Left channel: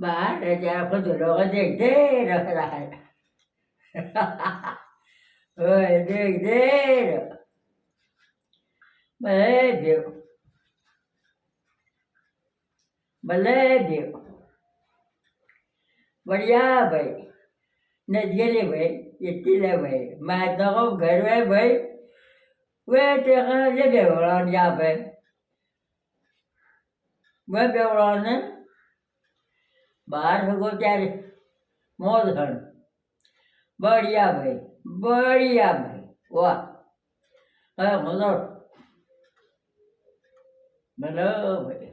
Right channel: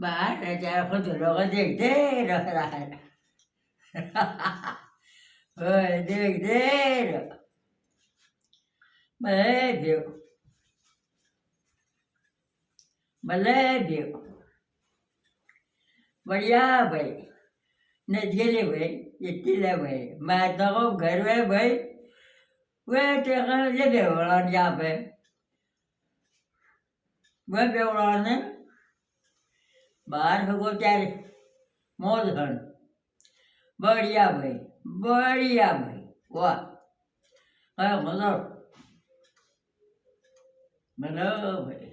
Bà để cho con tụi nó có gì thế rồi lại ơi gì thế rồi mà lấy điều mà lấy điều बढ़िया भाई न गेले भाई येतीला भाई मैं तो को घर में भाई वे तेरा ये देवरा जा पे वे देवरा ने बाहर भगो चार मौज खन बढ़िया भाई वाह हाँ मतलब मतलब भाई